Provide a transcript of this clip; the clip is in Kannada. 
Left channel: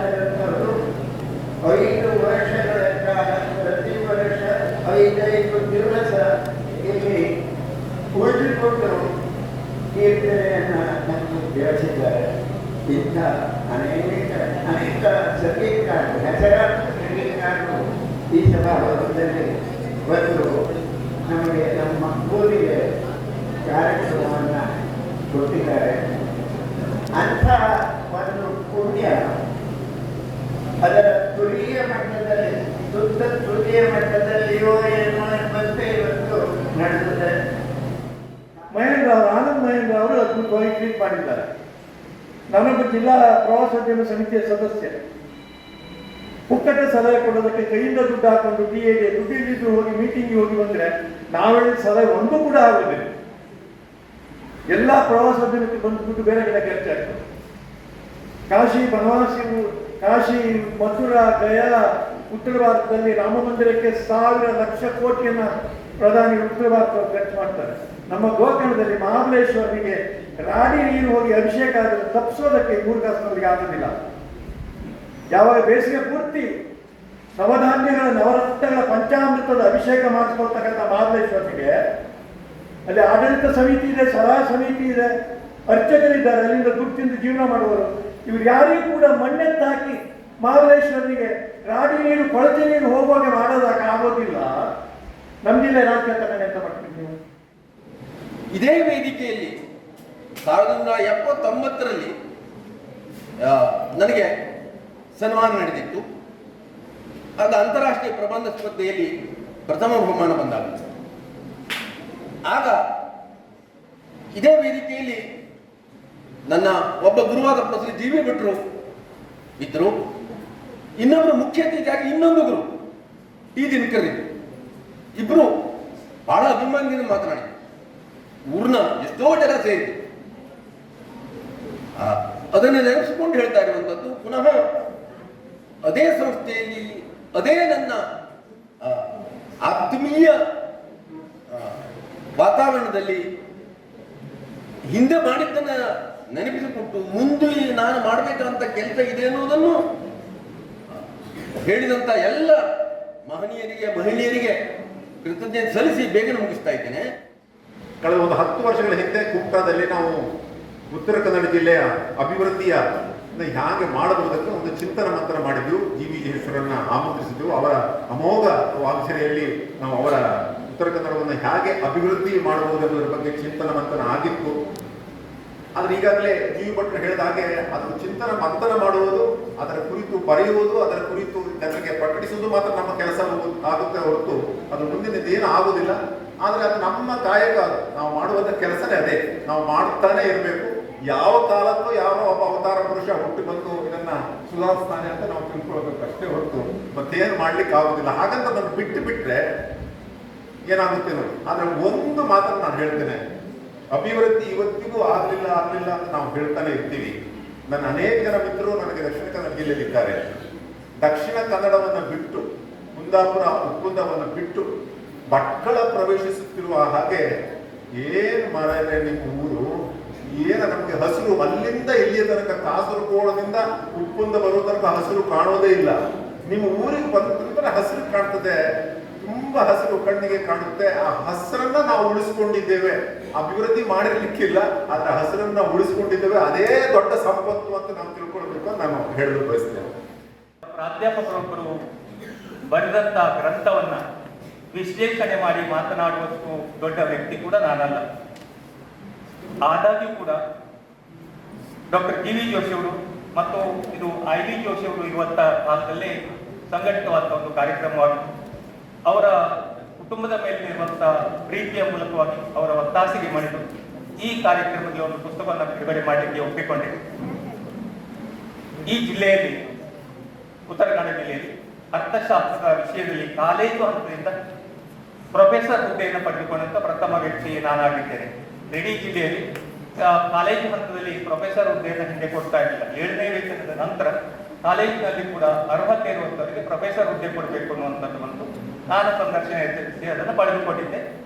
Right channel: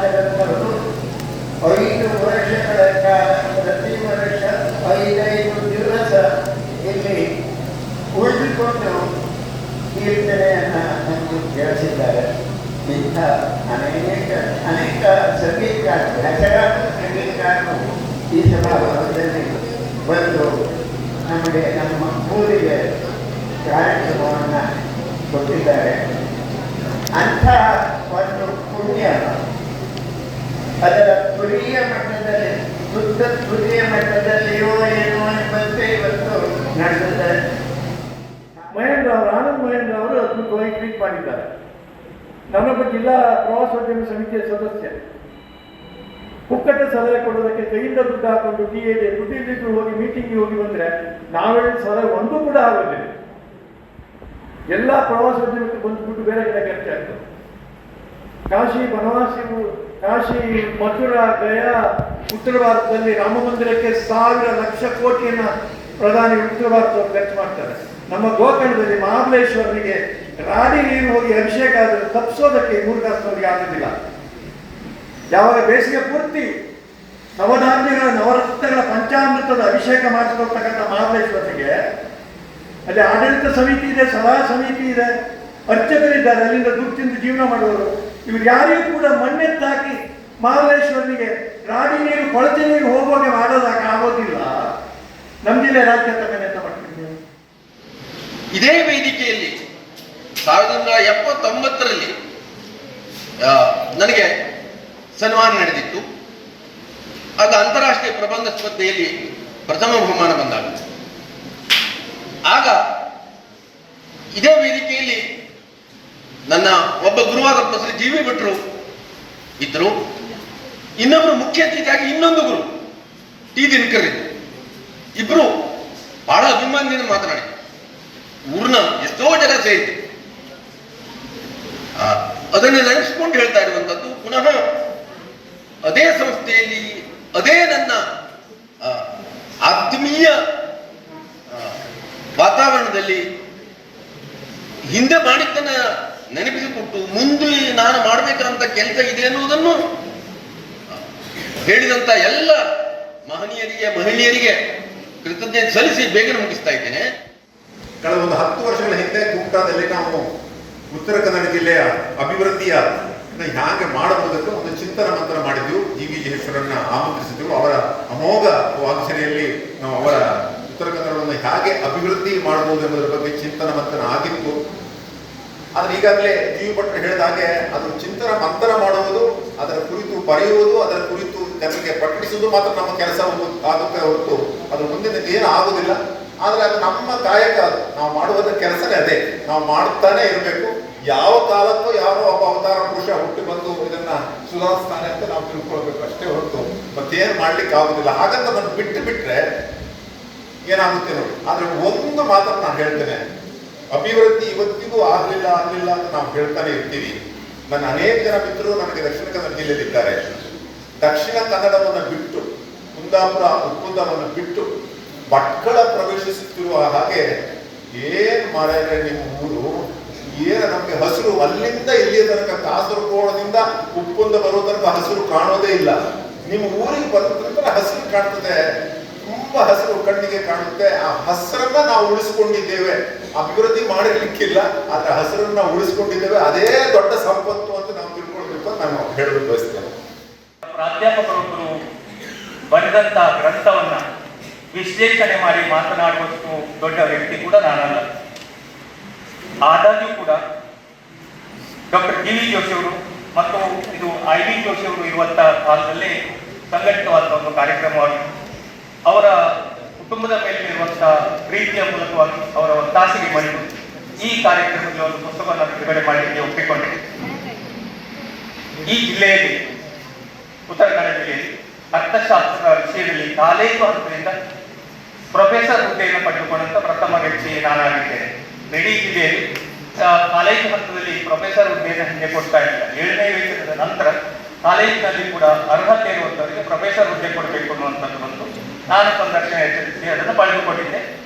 ತೆಗೆದವರು 5 ವರ್ಷಗಳ ಕಾಲ ಪ್ರತಿ ವರ್ಷ 5 ದಿವಸ ಇಲ್ಲಿ ಉಳಿದುಕೊಂಡು ಕೀರ್ತನೆಯನ್ನು ನಮಗೆ ಕೇಳಿಸಿದ್ದಾರೆ. ಇಂಥ ಅನೇಕ ಸಂಗೀತಗಾರರು, ಹೆಸರಾದ ಸಂಗೀತಗಾರರು ಈ ಸಭಾಭವನದಲ್ಲಿ ಬಂದು ನಮಗೆ ನಮ್ಮ ಊರಿಗೆ ಕಾರ್ಯಕ್ರಮವನ್ನು ಕೊಟ್ಟಿದ್ದಾರೆ. ಅಂಥ ಒಂದು ಪುಣ್ಯ ಅದರ ತುರಿಯ ಮಟ್ಟದಲ್ಲಿ, ಶುದ್ಧ ತುರಿಯ ಮಟ್ಟದಲ್ಲಿಯೋ ಏನೋ ಎಂಬಂತೆ ಇವತ್ತು ನಡೆದಿದೆ. ಮಹೇಂದ್ರ ಅವರು, ಆನಂದ್ ಮಹೇಂದ್ರ ಅವರು ಅದ್ಭುತವಾಗಿ ಟ್ವೀಟ್ ಮಾಡಿದ್ದಾರೆ. ನನ್ನೊಬ್ಬ ಜಿಲ್ಲಾ ಪ್ರವಾಸೋದ್ಯಮ ಸಮಿತಿಯ ಸದಸ್ಯ. ಪುಕ್ಕಟೆ ಸಲಹೆ ಕೊಡೋದಕ್ಕೆ ಕೈಯಿಂದ ದುಡ್ಡು ಹಾಕೊಂಡು ಟಿಎಗೆ ದುಡ್ಡು ಇಲ್ಲಿದ್ದು ಹೋಗಿ ಮೀಟಿಂಗ್ಗೆ ಹೋಗಿ ಬಂದರೆ ನಾವೇಳಿ ಸಲಹೆ ಒಂದು ಕೂಡ ಆಗೋದಿಲ್ಲ. ಎಲ್ಲ ಪ್ರವಾಸೋದ್ಯಮಕ್ಕೆ ಬಂದು ದುಡ್ಡು ಬೇರೆ ಕಡೆ ಖರ್ಚಾಗ್ತದೆ. ಕಾಶಿ ಬನವಾಸಿ, ಕಾಶಿ, ಮಥುರಾ, ಗಯಾ, ಉತ್ತರ ಭಾರತದಲ್ಲಿ ರಾಮ ಮಂದಿರಕ್ಕೆ 1,000 ಲಕ್ಷ ಕೋಟಿಯನ್ನು ಪ್ರಧಾನಿ ಉತ್ತರ ಭಾರತದವರು ಖರ್ಚು ಮಾಡ್ತಾರೆ. ನಮ್ಮ ಗೋಕರ್ಣದಲ್ಲಿ ಮಹಾಬಲೇಶ್ವರನಿಗೆ ರಾಡಿ ನೀರು ಹೋಗಿ ಅಭಿಷೇಕ ಆದರೆ ತಪ್ಪಿಸೋದಕ್ಕೆ 3 ಕಾಸಿನವರಿಗೆ ಆಗೋದಿಲ್ಲ. ಯಾವಾಗ ಬೇಸಿಗೆ ಪೂರ್ತಿ ನವಧಾನ್ಯಗಳ ನವರತ್ನಗಳ ಪಂಚಾಮೃತದ ಅಭಿಷೇಕ ಮಾಡಿಸ್ಕೊಳ್ತಕ್ಕಂಥ ಮಹಾಬಲೇಶ್ವರನಿಗೆ ಅಲ್ಲಿ ಆಡಳಿತ ಸಮಿತಿ ಇದೆ, ಸಲಹಾ ಸಮಿತಿ ಇದೆ, ಅರ್ಚಕರಿದ್ದಾರೆ, ಅಲ್ಲಿಂದ ದುಡ್ಡು ತಿಂದು ಜೀವನ ಮಾಡುವವರು. ಇವ್ರು ಯಾರಿಗೂ ಕೂಡ ಮಣ್ಣೆತ್ತಾಕಿ ಮಹಾಬಲೇಶ್ವರನಿಗೆ ರಾಡಿ ನೀರು, ಕೊಳಚೆ ನೀರು ಹೋಗುವಾಗ ಮಾಡೋದಕ್ಕೆ ಆಗೋದಿಲ್ಲ. ನಮ್ಮ ಜಿಲ್ಲೆ ರಾಜ್ಯ ತಗೊಂಡು ಎಂತ ಮಾಡ್ತೀವಿ ನೀವು? ಇದೇ ವೇದಿಕೆಯಲ್ಲಿ 1979ರಲ್ಲಿ ನನಗೆ ಸನ್ಮಾನ ನಡೆದಿತ್ತು. ಆಗ ಅಂತಾರಾಷ್ಟ್ರೀಯ ಪ್ರಬಂಧ ಸ್ಪರ್ಧೆಯಲ್ಲಿ ಪ್ರಥಮ ಬಹುಮಾನ ಬಂದಾಗ, ಆಗ ಇದೇ ವೇದಿಕೆಯಲ್ಲಿ ನನ್ನ ಒಬ್ಬ ಗುರುವಾದ ಪ್ರೊಫೆಸರ್ ಜಿ ವಿ ಭಟ್ರು ಇದ್ರು. ಇನ್ನೊಬ್ಬರು ಮುಖ್ಯ ಅತಿಥಿಯಾಗಿ ಇನ್ನೊಂದು ಗುರು ಟಿ ದಿನಕರ್ ಇದ್ರು. ಇಬ್ರು ಬಹಳ ಅಭಿಮಾನದಿಂದ ಮಾತನಾಡಿ ಊರ್ನ ಎಷ್ಟೋ ಜನ ಸೇರಿದ್ರು. ಅದನ್ನು ನೆನೆಸ್ಕೊಂಡು ಹೇಳ್ತಾ ಇರುವಂಥದ್ದು, ಪುನಃ ಅದೇ ಸಂಸ್ಥೆಯಲ್ಲಿ ಅದೇ ನನ್ನ ಆತ್ಮೀಯ ವಾತಾವರಣದಲ್ಲಿ ಹಿಂದೆ ಮಾಡಿದ್ದನ್ನ ನೆನಪಿಸಿಕೊಟ್ಟು ಮುಂದೆ ನಾನು ಮಾಡಬೇಕಂತ ಕೆಲಸ ಇದೆ ಎನ್ನುವುದನ್ನು ಹೇಳಿದಂತ ಎಲ್ಲ ಮಹನೀಯರಿಗೆ, ಮಹಿಳೆಯರಿಗೆ ಕೃತಜ್ಞತೆ ಸಲ್ಲಿಸಿ ಬೇಗನೆ ಮುಗಿಸ್ತಾ ಇದ್ದೇನೆ. ಕಳೆದ ಒಂದು 10 ವರ್ಷಗಳ ಹಿಂದೆ ಕುಮಟಾದಲ್ಲಿ ನಾವು ಉತ್ತರ ಕನ್ನಡ ಜಿಲ್ಲೆಯ ಅಭಿವೃದ್ಧಿಯ ಹೇಗೆ ಮಾಡಬಹುದಂತ ಒಂದು ಚಿಂತನ ಮಂಥನ ಮಾಡಿದ್ವಿ. ಜಿ ವಿ ಜೇಶ್ವರನ್ನ ಆಮಂತ್ರಿಸಿದ್ರು. ಅವರ ಅಮೋಘ ವಾಕ್ಸರೆಯಲ್ಲಿ ನಾವು ಅವರ ಉತ್ತರ ಕನ್ನಡವನ್ನು ಹೇಗೆ ಅಭಿವೃದ್ಧಿ ಮಾಡಬಹುದು ಎಂಬುದರ ಬಗ್ಗೆ ಚಿಂತನ ಮಂಥನ ಆಗಿತ್ತು. ಆದ್ರೆ ಈಗಾಗಲೇ ಜಿ ವಿ ಭಟ್ರು ಹೇಳಿದ ಹಾಗೆ ಅದು ಚಿಂತನ ಮಂಥನ ಮಾಡುವುದು, ಅದರ ಕುರಿತು ಬರೆಯುವುದು, ಅದರ ಕುರಿತು ಜನರಿಗೆ ಪ್ರಕಟಿಸುವುದು ಮಾತ್ರ ನಮ್ಮ ಕೆಲಸ ಆಗುತ್ತೆ ಹೊರತು ಅದು ಮುಂದಿನ ಏನು ಆಗುವುದಿಲ್ಲ. ಆದರೆ ಅದು ನಮ್ಮ ಕಾಯಕ, ನಾವು ಮಾಡುವುದರ ಕೆಲಸನೇ ಅದೇ. ನಾವು ಮಾಡ್ತಾನೆ ಇರಬೇಕು. ಯಾವ ಕಾಲಕ್ಕೂ ಯಾವ ಒಬ್ಬ ಅವತಾರ ಪುರುಷ ಹುಟ್ಟಿ ಬಂದು ಇದನ್ನ ಸುಧಾರಿಸ್ತಾನೆ ಅಂತ ನಾವು ತಿಳ್ಕೊಳ್ಬೇಕು ಅಷ್ಟೇ ಹೊರತು ಮತ್ತೇನು ಮಾಡ್ಲಿಕ್ಕೆ ಆಗುದಿಲ್ಲ. ಹಾಗಂತ ನಾನು ಬಿಟ್ಟರೆ ಏನಾಗುತ್ತೆ ನೋಡಿ. ಆದ್ರೆ ಒಂದು ಮಾತ್ರ ನಾನು ಹೇಳ್ತೇನೆ, ಅಭಿವೃದ್ಧಿ ಇವತ್ತಿಗೂ ಆಗಲಿಲ್ಲ ಅಂತ ನಾವು ಹೇಳ್ತಾನೆ ಇರ್ತೀವಿ. ನನ್ನ ಅನೇಕ ಜನ ಮಿತ್ರರು ನನಗೆ ದಕ್ಷಿಣ ಕನ್ನಡ ಜಿಲ್ಲೆಯಲ್ಲಿದ್ದಾರೆ. ದಕ್ಷಿಣ ಕನ್ನಡವನ್ನು ಬಿಟ್ಟು, ಕುಂದಾಪುರ ಉಪ್ಪುಂದವನ್ನು ಬಿಟ್ಟು ಭಟ್ಕಳ ಪ್ರವೇಶಿಸುತ್ತಿರುವ ಹಾಗೆ ಏನು ಮಾಡಿದ್ರೆ ನಿಮ್ಮ ಊರು ಏನು ನಮಗೆ ಹಸಿರು ಅಲ್ಲಿಂದ ಇಲ್ಲಿಯ ತನಕ ಕಾಸರಗೋಡದಿಂದ ಉಪ್ಪುಂದ ಬರೋ ತನಕ ಹಸಿರು ಕಾಣೋದೇ ಇಲ್ಲ. ನಿಮ್ಮ ಊರಿಗೆ ಬಂದ ನಂತರ ಹಸಿರು ಕಾಣ್ತದೆ, ತುಂಬಾ ಹಸಿರು ಕಣ್ಣಿಗೆ ಕಾಣುತ್ತೆ. ಆ ಹಸಿರನ್ನ ನಾವು ಉಳಿಸ್ಕೊಂಡಿದ್ದೇವೆ. ಅಭಿವೃದ್ಧಿ ಮಾಡಲಿಕ್ಕಿಲ್ಲ, ಆದ್ರೆ ಹಸಿರನ್ನ ನಾವು ಉಳಿಸ್ಕೊಂಡಿದ್ದೇವೆ. ಅದೇ ದೊಡ್ಡ ಸಂಪತ್ತು ಅಂತ ನಾವು ತಿಳ್ಕೊಳ್ಬೇಕು ಅಂತ ನಾನು ಹೇಳಲು ಬಯಸ್ತೇನೆ. ಪ್ರಾಧ್ಯಾಪಕರೊಬ್ಬರು ಬರೆದಂತ ಗ್ರಂಥವನ್ನ ವಿಶ್ಲೇಷಣೆ ಮಾಡಿ ಮಾತನಾಡುವಷ್ಟು ದೊಡ್ಡ ವ್ಯಕ್ತಿ ಕೂಡ ನಾನಲ್ಲ. ಆದಾಗ್ಯೂ ಕೂಡ ಡಾಕ್ಟರ್ ಡಿ ವಿ ಜೋಶಿ ಅವರು ಮತ್ತು ಇದು ಐ ಡಿ ಜೋಶಿ ಅವರು ಇರುವಂತ ಕಾಲದಲ್ಲಿ ಸಂಘಟಿತವಾದ ಒಂದು ಕಾರ್ಯಕ್ರಮವಾಗಿತ್ತು. ಅವರ ಕುಟುಂಬದ ಮೇಲೆ ಇರುವಂತಹ ಪ್ರೀತಿಯ ಮೂಲಕವಾಗಿ ಅವರ ಒತ್ತಾಸೆಗೆ ಮಾಡಿದ್ದು ಈ ಕಾರ್ಯಕ್ರಮದಲ್ಲಿ ಒಂದು ಪುಸ್ತಕವನ್ನು ಬಿಡುಗಡೆ ಮಾಡಲಿಕ್ಕೆ ಒಪ್ಪಿಕೊಂಡೆ. ಈ ಜಿಲ್ಲೆಯಲ್ಲಿ, ಉತ್ತರ ಕನ್ನಡ ಜಿಲ್ಲೆಯಲ್ಲಿ ಅರ್ಥಶಾಸ್ತ್ರ ವಿಷಯದಲ್ಲಿ ಕಾಲೇಜು ಹಂತದಿಂದ ಪ್ರೊಫೆಸರ್ ಹುದ್ದೆಯನ್ನು ಪಡೆದುಕೊಂಡಂತ ಪ್ರಥಮ ವ್ಯಕ್ತಿ ನಾನಾಗಿದ್ದೇನೆ. ಇಡೀ ಜಿಲ್ಲೆಯಲ್ಲಿ ಕಾಲೇಜು ಹಂತದಲ್ಲಿ ಪ್ರೊಫೆಸರ್ ಹುದ್ದೆಯನ್ನು ಹಿಂದೆ ಕೊಡ್ತಾ ಇರಲಿಲ್ಲ. 7ನೇ ವೇತನದ ನಂತರ ಕಾಲೇಜಿನಲ್ಲಿ ಕೂಡ ಅರ್ಹತೆ ಇರುವಂತವರಿಗೆ ಪ್ರೊಫೆಸರ್ ಹುದ್ದೆ ಕೊಡಬೇಕು ಅನ್ನುವಂಥದ್ದು ಬಂತು. ನಾನು ಸಂದರ್ಶನ ಎಚ್ಚರಿಸಿ ಅದನ್ನು ಪಡೆದುಕೊಂಡಿದ್ದೆ.